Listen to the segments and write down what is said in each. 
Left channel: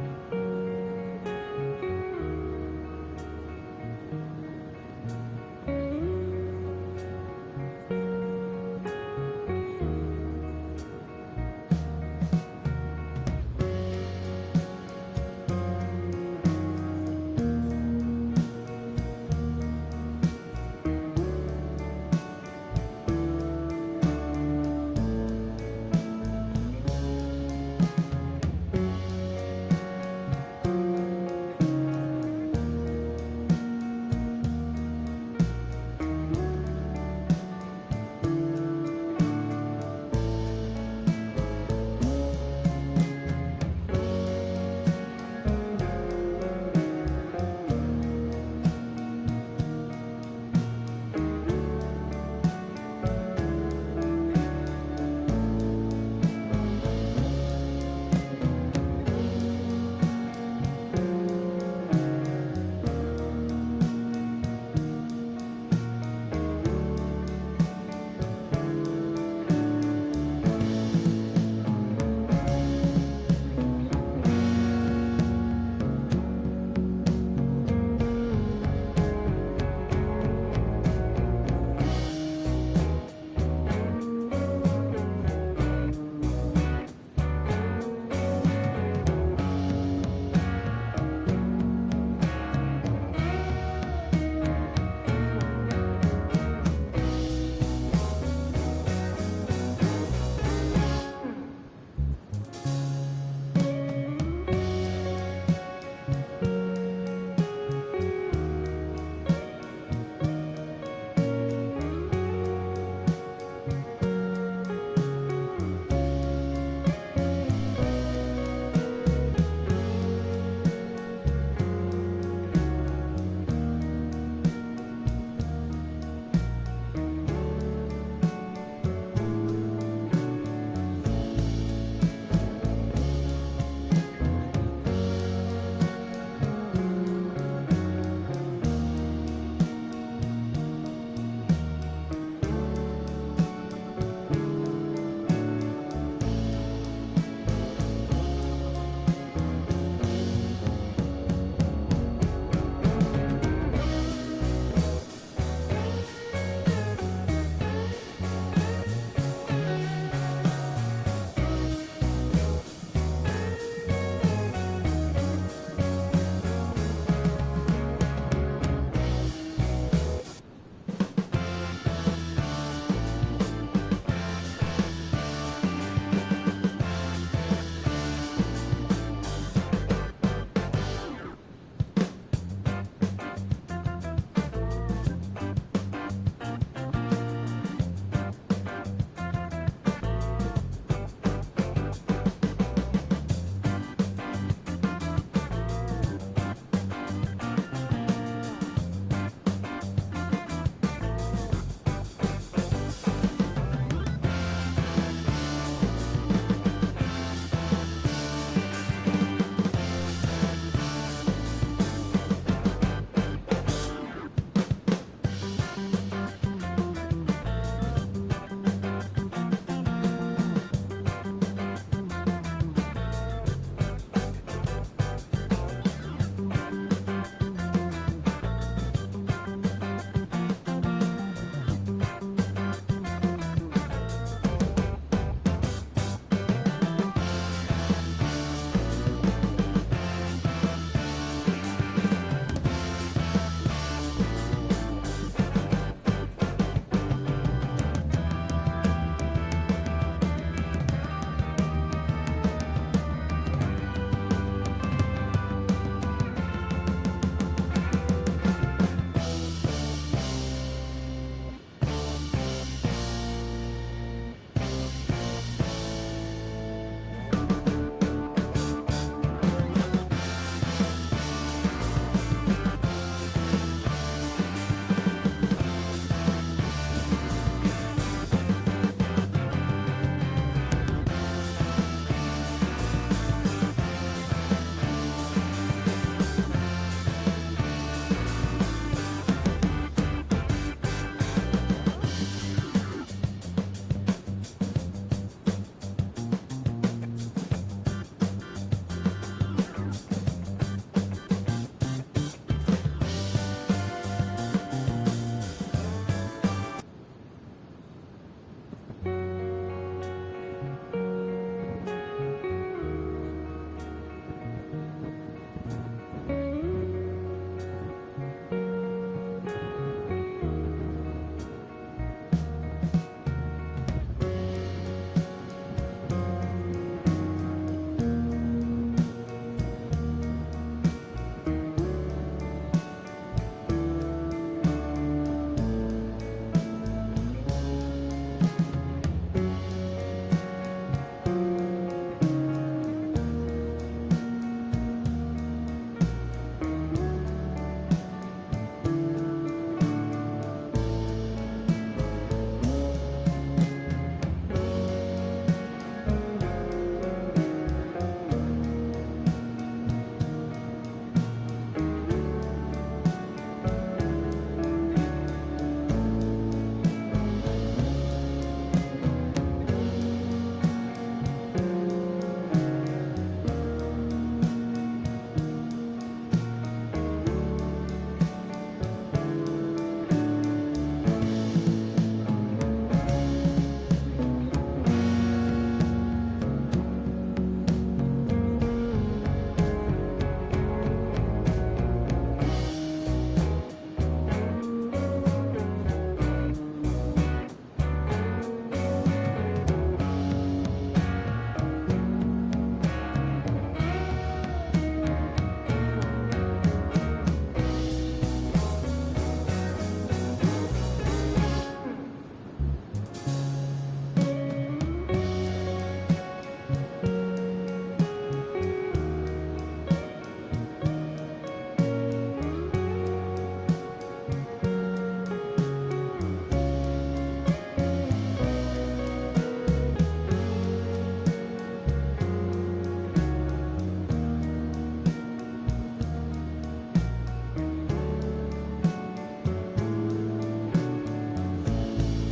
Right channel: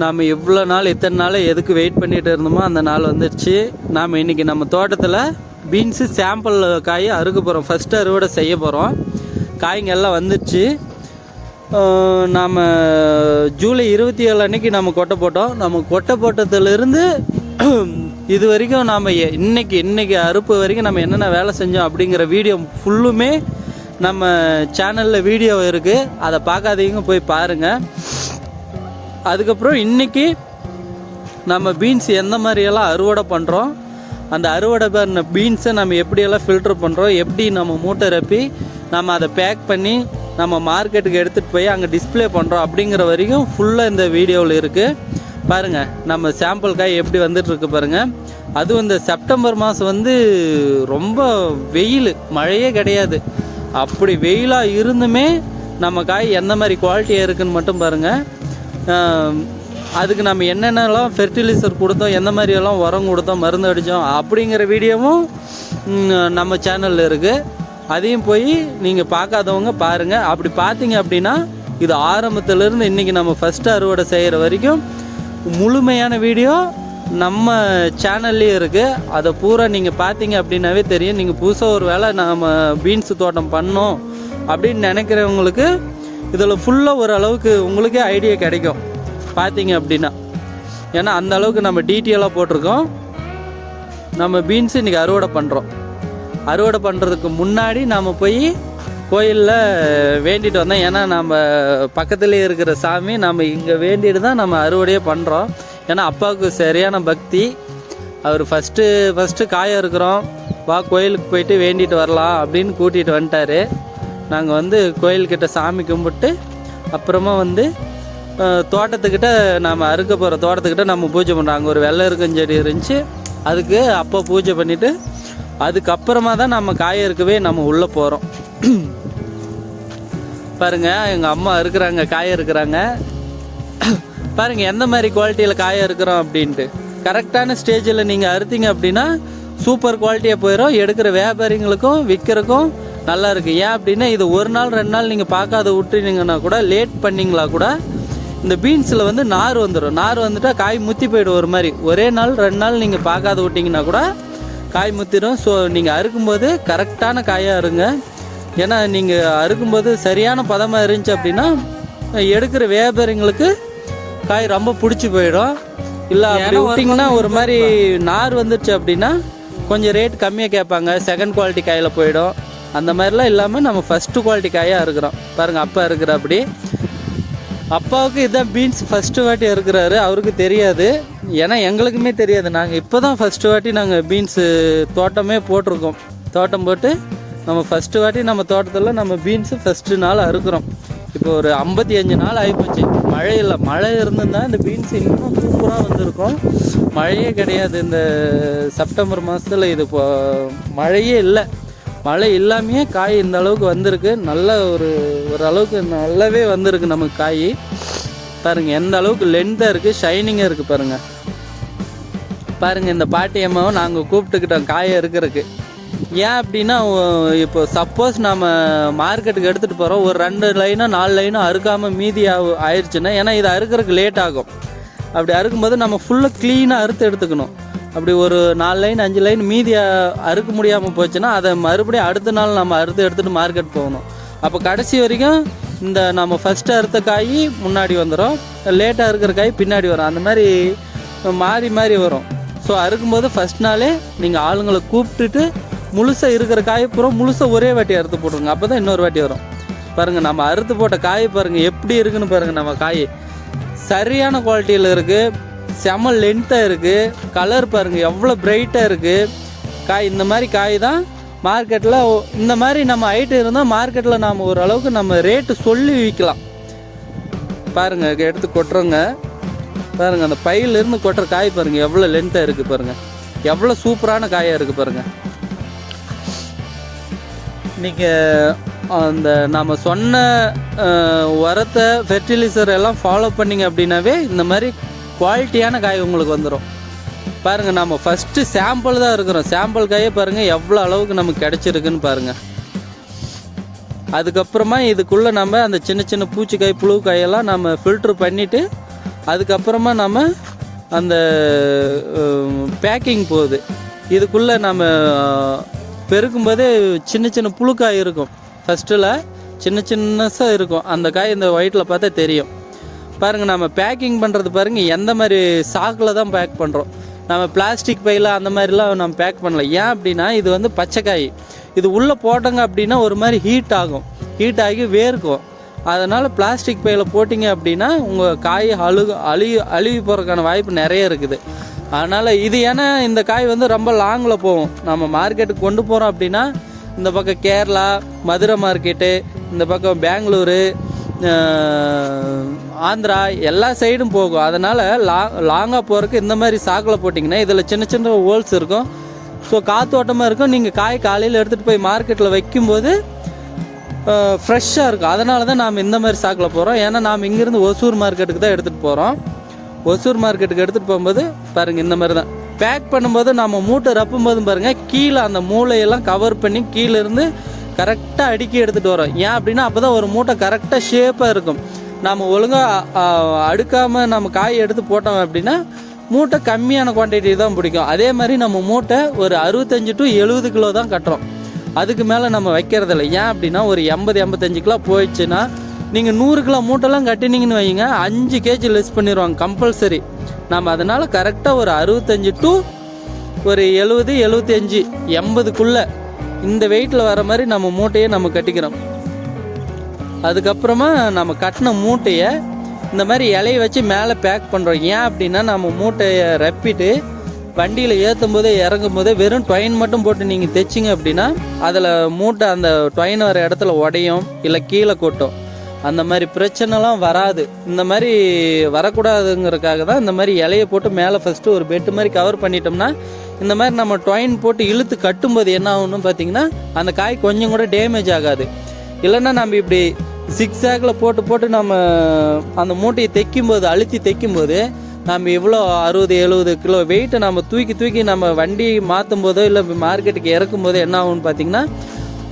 நாம் இவ்வளோ நாள் இத்தனை நாள் எதுக்கு வெயிட் பண்ணிகிட்டு இருந்தோமோ அந்த நாள் வந்துடுச்சு. நாம் இன்றைக்கி நம்ம தோட்டத்தில் பீன்ஸு சாம்பிள் காய் அறுக்க போகிறோம். ஃபஸ்ட்டு அறுவடை செய்ய போகிறோம். காய்ங்க எல்லாம் வந்துடுச்சு. நாம் ஜூலை 27 அன்றைக்கி நம்ம கொட்டை போட்டோம். நம்ம கொட்டை போட்டதுலேருந்து இது வரைக்கும் நாம் இன்னைக்கு அறுப்பு வரைக்கும் நம்ம என்னென்ன வேலை செஞ்சோம் அப்படிங்கிற வீடியோ ஃபுல்லுமே நம்ம சேனலில் வீடியோ இருக்குது. அதை பார்க்காதீங்க, போய் பாருங்கள். அதுக்கப்புறம் இன்றைக்கி நம்ம பீன்ஸ் எந்த மாதிரியெல்லாம் அறுவடை பண்ணுறோம், அந்த அறுவடை பண்ண பீன்ஸை நம்ம எப்படியெல்லாம் ஃபில்டர் பண்ணுறோம், எப்படி நம்ம மூட்டை ரப்பி நம்ம அதை பேக் பண்ணி நம்ம மார்க்கெட்டுக்கு எடுத்துகிட்டு போய் அங்கே டிஸ்பிளே பண்ணுறோம் அப்படிங்கிற வரைக்கும் ஃபுல்லாக இந்த வீடியோவில் இருக்குது. பாருங்கள், நம்ம சாம்பிள் காய் எப்படி வந்துட்டுருக்கு பாருங்கள். அதுவும் இந்த செப்டம்பர் மாதம் ரொம்ப வெயில், மழையே கிடையாது. அப்படி வெயிலாக இருந்துமே நம்ம காய் எந்த மாதிரி குவாலிட்டியாக இருக்குதுன்னு மட்டும் பாருங்கள். அதுக்கு நம்ம என்னென்னலாம் ஃபெர்டிலைசர் கொடுத்தோம், எந்த மாதிரியெல்லாம் உரம் கொடுத்தோம், மருந்து அடித்தோம் அப்படிங்கிற வீடியோவும் நம்ம சேனலில் இருக்குது. அதையும் போய் நீங்கள் பார்க்காதவங்க பாருங்கள். அப்படி பார்த்தீங்க அப்படின்னா இது ஆரம்பத்துலேருந்து இன்றைக்கி நம்ம ஃபஸ்ட்டு அறுவடை செய்கிற வரைக்கும் முழுமையான வீடியோ நம்ம சேனல்லே இருக்குது. அதை பூரா நீங்கள் பார்த்தீங்க அப்படின்னாவே தெரியும். நீங்கள் புதுசாக ஒரு வேளை நம்ம பீன்ஸு தோட்டம் பண்ணோம் அப்படின்னு நினைக்கிறவங்களுக்கு இதில் ஃபுல்லாக ஓரளவுக்கு உங்களுக்கே ஐடியா கிடைக்கும் பார்த்தீங்க அப்படின்னா. ஏன்னா அந்த அளவுக்கு நம்ம டீட்டெயிலாக போட்டிருக்கோம். நம்ம பீன்ஸு இன்றைக்கி அறுவடை பண்ணுறோம். அறுவடை பண்ணுறதுக்கு முன்னாடி நாம் போய் கோயிலில் வேண்டிட்டு வந்தோம். ஏன்னா நம்ம பக்கத்துலேயே இருக்கிற சாமி நம்ம இங்கே வேண்டிட்டு தான் நம்ம அறுவடையே பண்ணுறோம். ஏன்னா அப்பாவுக்கு சரியான பக்தி. அவர் ஃபஸ்ட்டு காய இருக்கிறோம், வா கோயிலுக்கு போயிட்டு வேண்டிட்டு வரலாம் அப்படின்னு கூட்டிகிட்டு வந்துட்டார். நாங்கள் கோயில்கிட்ட சாமி கும்பிட்டு அப்புறமா தோட்டத்துக்கிட்ட நாம் அறுக்க போகிற தோட்டத்துக்கிட்ட நம்ம பூஜை பண்ணுறோம். அங்கே ஒரு வெள்ளை இருக்கஞ்செடி இருந்துச்சு, அதுக்கு அப்போ பூஜை பண்ணிவிட்டு அதுக்கப்புறமா தான் நம்ம காய இருக்கவே நம்ம உள்ளே போகிறோம். பாருங்கள், எங்கள் அம்மா இருக்கிறாங்க, காய இருக்கிறாங்க. பாருங்கள் எந்த மாதிரி குவாலிட்டியில் காய இருக்கிறோம் அப்படின்ட்டு. கரெக்டான ஸ்டேஜில் நீங்கள் அறுத்தீங்க அப்படின்னா சூப்பர் குவாலிட்டியாக போயிடும். எடுக்கிற வியாபாரிங்களுக்கும் விற்கிறக்கும் நல்லா இருக்குது. ஏன் அப்படின்னா இது ஒரு நாள் 2 நாள் நீங்கள் பார்க்காத விட்டுனீங்கன்னா கூட, லேட் பண்ணிங்களா கூட இந்த பீன்ஸில் நார் வந்துடும். நார் வந்துட்டால் காய் முத்தி போய்டும். ஒரு மாதிரி ஒரே நாள் 2 நாள் நீங்கள் பார்க்காத விட்டிங்கன்னா கூட காய் முத்திடும். ஸோ நீங்கள் அறுக்கும்போது கரெக்டான காயாக இருங்க. ஏன்னா நீங்கள் அறுக்கும்போது சரியான பதமாக இருந்துச்சு அப்படின்னா எடுக்கிற வியாபாரிங்களுக்கு காய் ரொம்ப பிடிச்சி போயிடும். இல்லை அப்படி விட்டிங்கன்னா ஒரு மாதிரி நார் வந்துடுச்சு அப்படின்னா கொஞ்சம் ரேட் கம்மியாக கேட்பாங்க, செகண்ட் குவாலிட்டி காயில் போயிடும். அந்த மாதிரிலாம் இல்லாமல் நம்ம ஃபஸ்ட்டு குவாலிட்டி காயாக இருக்கிறோம். பாருங்கள், அப்பா இருக்கிற அப்படி. அப்பாவுக்கு இதான் பீன்ஸ் ஃபஸ்ட்டு வாட்டி இருக்கிறாரு. அவருக்கு தெரியாது, ஏன்னா எங்களுக்குமே தெரியாது. நாங்கள் இப்போ தான் ஃபஸ்ட்டு வாட்டி நாங்கள் பீன்ஸு தோட்டமே போட்டிருக்கோம். தோட்டம் போட்டு நம்ம ஃபஸ்ட்டு வாட்டி நம்ம தோட்டத்தில் நம்ம பீன்ஸு ஃபஸ்ட்டு நாள் அறுக்கிறோம். இப்போ ஒரு 55 நாள் ஆகிப்போச்சு. மழை இல்லை. மழை இருந்திருந்தால் இந்த பீன்ஸ் இன்னும் சூப்பராக வந்திருக்கும். மழையே கிடையாது இந்த செப்டம்பர் மாதத்தில். இது இப்போ மழையே இல்லை. மழை இல்லாமையே காய் இந்த அளவுக்கு வந்திருக்கு. நல்ல ஒரு அளவுக்கு நல்லாவே வந்திருக்கு நமக்கு காய். பாருங்கள் எந்த அளவுக்கு லென்த்தாக இருக்குது, ஷைனிங்காக இருக்குது. பாருங்கள் இந்த பாட்டி அம்மாவை நாங்கள் கூப்பிட்டுக்கிட்டோம் காயை இருக்கிறதுக்கு. ஏன் அப்படின்னா இப்போ சப்போஸ் நம்ம மார்க்கெட்டுக்கு எடுத்துகிட்டு போகிறோம், ஒரு 2 லைனோ 4 லைனோ அறுக்காமல் மீதி ஆயிடுச்சுன்னா, ஏன்னா இது அறுக்கிறதுக்கு லேட் ஆகும். அப்படி அறுக்கும்போது நம்ம ஃபுல்லாக க்ளீனாக அறுத்து எடுத்துக்கணும். அப்படி ஒரு 4 லைன் 5 லைன் மீதி அறுக்க முடியாமல் போச்சுன்னா அதை மறுபடியும் அடுத்த நாள் நம்ம அறுத்து எடுத்துகிட்டு மார்க்கெட் போகணும். அப்போ கடைசி வரைக்கும் இந்த நம்ம ஃபஸ்ட்டு அறுத்த காய் முன்னாடி வந்துடும், லேட்டாக இருக்கிற காய் பின்னாடி வரும். அந்த மாதிரி மாறி வரும். ஸோ அறுக்கும்போது ஃபஸ்ட் நாளே நீங்கள் ஆளுங்களை கூப்பிட்டுட்டு முழுசாக இருக்கிற காய் முழுசாக ஒரே வாட்டி அறுத்து போட்டுருங்க. அப்போ தான் இன்னொரு வாட்டி வரும். பாருங்கள், நம்ம அறுத்து போட்ட காய் பாருங்கள் எப்படி இருக்குன்னு பாருங்கள். நம்ம காய் சரியான குவாலிட்டியில் இருக்குது, செம லென்த்தாக இருக்குது. கலர் பாருங்கள் எவ்வளோ பிரைட்டாக இருக்குது காய். இந்த மாதிரி காய் தான் மார்க்கெட்டில். இந்த மாதிரி நம்ம ஐட்டம் இருந்தால் மார்க்கெட்டில் நாம் ஓரளவுக்கு நம்ம ரேட்டு சொல்லி விற்கலாம். பாருங்கள், எடுத்து கொட்டுறோங்க. பாருங்கள் அந்த பையிலேருந்து கொட்டுற காய் பாருங்கள் எவ்வளோ லென்த்தாக இருக்குது. பாருங்கள் எவ்வளோ சூப்பரான காயாக இருக்குது. பாருங்கள், நீங்கள் அந்த நம்ம சொன்ன உரத்தை ஃபெர்டிலைசர் எல்லாம் ஃபாலோ பண்ணிங்க அப்படின்னாவே இந்த மாதிரி குவாலிட்டியான காய் உங்களுக்கு வந்துடும். பாருங்கள், நம்ம ஃபஸ்ட்டு சாம்பிள் தான் இருக்கிறோம். சாம்பிள் காயே பாருங்கள் எவ்வளோ அளவுக்கு நமக்கு கிடச்சிருக்குன்னு பாருங்கள். அதுக்கப்புறமா இதுக்குள்ளே நம்ம அந்த சின்ன சின்ன பூச்சிக்காய் புழு காயெல்லாம் நம்ம ஃபில்ட்ரு பண்ணிவிட்டு அதுக்கப்புறமா நம்ம அந்த பேக்கிங் போகுது. இதுக்குள்ளே நம்ம பெருக்கும்போதே சின்ன சின்ன புழுக்காய் இருக்கும். ஃபஸ்ட்டில் சின்னசாக இருக்கும். அந்த காய் இந்த ஒயிட்டில் பார்த்தா தெரியும். பாருங்கள், நம்ம பேக்கிங் பண்ணுறது பாருங்கள், எந்த மாதிரி சாக்கில் தான் பேக் பண்ணுறோம். நம்ம பிளாஸ்டிக் பையில் அந்த மாதிரிலாம் நம்ம பேக் பண்ணல. ஏன் அப்படின்னா இது வந்து பச்சைக்காய். இது உள்ளே போட்டோங்க அப்படின்னா ஒரு மாதிரி ஹீட் ஆகி வேர்க்கும். அதனால் பிளாஸ்டிக் பையில் போட்டிங்க அப்படின்னா உங்கள் காய் அழுகி போகிறதுக்கான வாய்ப்பு நிறைய இருக்குது. அதனால் இது ஏன்னா இந்த காய் வந்து ரொம்ப லாங்கில் போகும். நம்ம மார்க்கெட்டுக்கு கொண்டு போகிறோம் அப்படின்னா இந்த பக்கம் கேரளா, மதுரை மார்க்கெட்டு, இந்த பக்கம் பெங்களூரு, ஆந்திரா எல்லா சைடும் போகும். அதனால் லாங்காக போகிறதுக்கு இந்த மாதிரி சாக்கில் போட்டிங்கன்னா இதில் சின்ன சின்ன ஹோல்ஸ் இருக்கும். ஸோ காற்றோட்டமாக இருக்கும். நீங்கள் காய் காலையில் எடுத்துகிட்டு போய் மார்க்கெட்டில் வைக்கும்போது ஃப்ரெஷ்ஷாக இருக்கும். அதனால தான் நாம் இந்த மாதிரி சாக்கில் போகிறோம். ஏன்னா நாம் இங்கேருந்து ஒசூர் மார்க்கெட்டுக்கு தான் எடுத்துகிட்டு போகிறோம். ஒசூர் மார்க்கெட்டுக்கு எடுத்துகிட்டு போகும்போது பாருங்கள், இந்த மாதிரி தான் பேக் பண்ணும்போது நம்ம மூட்டை ரப்பும் போதும் பாருங்கள், கீழே அந்த மூளையெல்லாம் கவர் பண்ணி கீழேருந்து கரெக்டாக அடுக்கி எடுத்துகிட்டு வரோம். ஏன் அப்படின்னா அப்போ தான் ஒரு மூட்டை கரெக்டாக ஷேப்பாக இருக்கும். நம்ம ஒழுங்காக அடுக்காமல் நம்ம காய் எடுத்து போட்டோம் அப்படின்னா மூட்டை கம்மியான குவான்டிட்டி தான் பிடிக்கும். அதே மாதிரி நம்ம மூட்டை ஒரு 65 to 70 கிலோ தான் கட்டுறோம். அதுக்கு மேலே நம்ம வைக்கிறதில்ல. ஏன் அப்படின்னா ஒரு 80-85 கிலோ போயிடுச்சுன்னா நீங்கள் 100 கிலோ மூட்டைலாம் கட்டினீங்கன்னு வைங்க, 5 kg லெஸ் பண்ணிடுவாங்க கம்பல்சரி. நம்ம அதனால் கரெக்டாக ஒரு 65 to ஒரு 70, 75, 80க்குள்ளே இந்த வெயிட்டில் வர மாதிரி நம்ம மூட்டையை நம்ம கட்டிக்கிறோம். அதுக்கப்புறமா நம்ம கட்டின மூட்டையை இந்த மாதிரி இலையை வச்சு மேலே பேக் பண்ணுறோம். ஏன் அப்படின்னா நம்ம மூட்டையை ரப்பிட்டு வண்டியில் ஏற்றும் போதே இறங்கும் போதே வெறும் டொயின் மட்டும் போட்டு நீங்கள் தைச்சிங்க அப்படின்னா அதில் மூட்டை அந்த டொயின் வர இடத்துல உடையும், இல்லை கீழே கொட்டும். அந்த மாதிரி பிரச்சனைலாம் வராது. இந்த மாதிரி வரக்கூடாதுங்கிறதுக்காக தான் இந்த மாதிரி இலையை போட்டு மேலே ஃபஸ்ட்டு ஒரு பெட்டு மாதிரி கவர் பண்ணிட்டோம்னா இந்த மாதிரி நம்ம டொயின் போட்டு இழுத்து கட்டும்போது என்ன ஆகும்னு பார்த்தீங்கன்னா அந்த காய் கொஞ்சம் கூட டேமேஜ் ஆகாது. இல்லைன்னா நம்ம இப்படி சிக்ஸாகில் போட்டு நம்ம அந்த மூட்டையை அழுத்தி தைக்கும்போது நம்ம இவ்வளோ 60-70 கிலோ வெயிட்டை நம்ம தூக்கி நம்ம வண்டி மாற்றும் போதோ இல்லை மார்க்கெட்டுக்கு இறக்கும் போதோ என்ன ஆகும்னு பார்த்தீங்கன்னா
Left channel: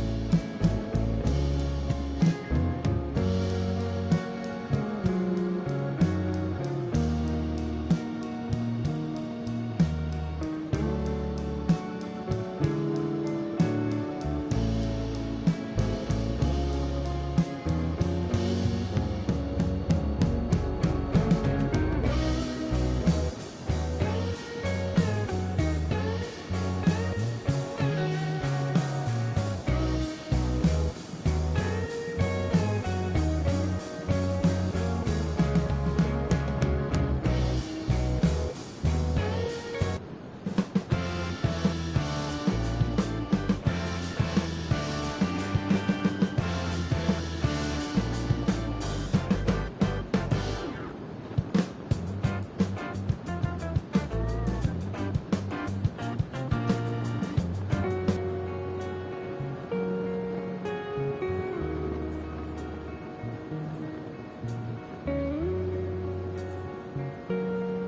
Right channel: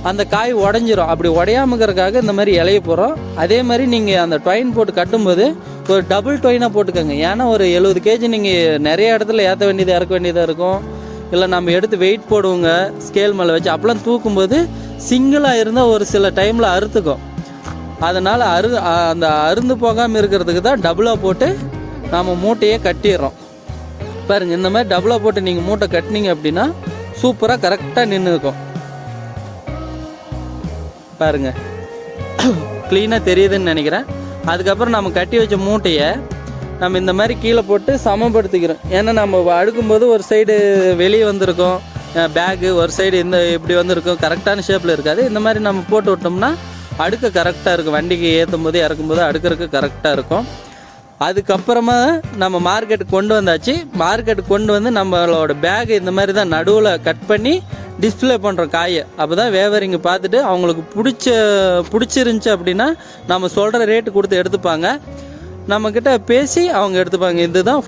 அந்த காய் உடஞ்சிரும். அப்படி உடையாமக்கிறதுக்காக இந்த மாதிரி இலைய போகிறோம். அதே மாதிரி நீங்கள் அந்த டொயின் போட்டு கட்டும்போது ஒரு டபுள் டொயினாக போட்டுக்கோங்க. ஏன்னா ஒரு 70 kg நீங்கள் நிறைய இடத்துல ஏற்ற வேண்டியது இறக்க வேண்டியதாக இருக்கும். இல்லை நம்ம எடுத்து வெயிட் போடுவோங்க ஸ்கேல் மேலே வச்சு, அப்போலாம் தூக்கும்போது சிங்கிளாக இருந்தால் ஒரு சில டைமில் அறுத்துக்கும். அதனால் அந்த அருந்து போகாமல் இருக்கிறதுக்கு தான் டபுளாக போட்டு நம்ம மூட்டையே கட்டிடுறோம். பாருங்கள், இந்த மாதிரி டபுளாக போட்டு நீங்கள் மூட்டை கட்டினீங்க அப்படின்னா சூப்பராக கரெக்டாக நின்றுக்கும். பாருங்க, க்ளீனாக தெரியுதுன்னு நினைக்கிறேன். அதுக்கப்புறம் நம்ம கட்டி வச்ச மூட்டையை நம்ம இந்த மாதிரி கீழே போட்டு சமப்படுத்திக்கிறோம். ஏன்னா நம்ம அடுக்கும்போது ஒரு சைடு வெளியே வந்திருக்கும் பேகு, ஒரு சைடு இப்படி வந்திருக்கும், கரெக்டான ஷேப்பில் இருக்காது. இந்த மாதிரி நம்ம போட்டு விட்டோம்னா அடுக்க கரெக்டாக இருக்கும். வண்டிக்கு ஏற்றும் போது இறக்கும்போது அடுக்கிறதுக்கு கரெக்டாக இருக்கும். அதுக்கப்புறமா நம்ம மார்க்கெட்டுக்கு கொண்டு வந்தாச்சு. மார்க்கெட்டுக்கு கொண்டு வந்து நம்மளோட பேகு இந்த மாதிரி தான் நடுவில் கட் பண்ணி டிஸ்பிளே பண்ணுறோம் காயை. அப்போ தான் வியாபாரிங்க பார்த்துட்டு அவங்களுக்கு பிடிச்சிருந்துச்சி அப்படின்னா நம்ம சொல்கிற ரேட்டு கொடுத்து எடுத்துப்பாங்க. நம்மக்கிட்ட பேசி அவங்க எடுத்துப்பாங்க. இதுதான்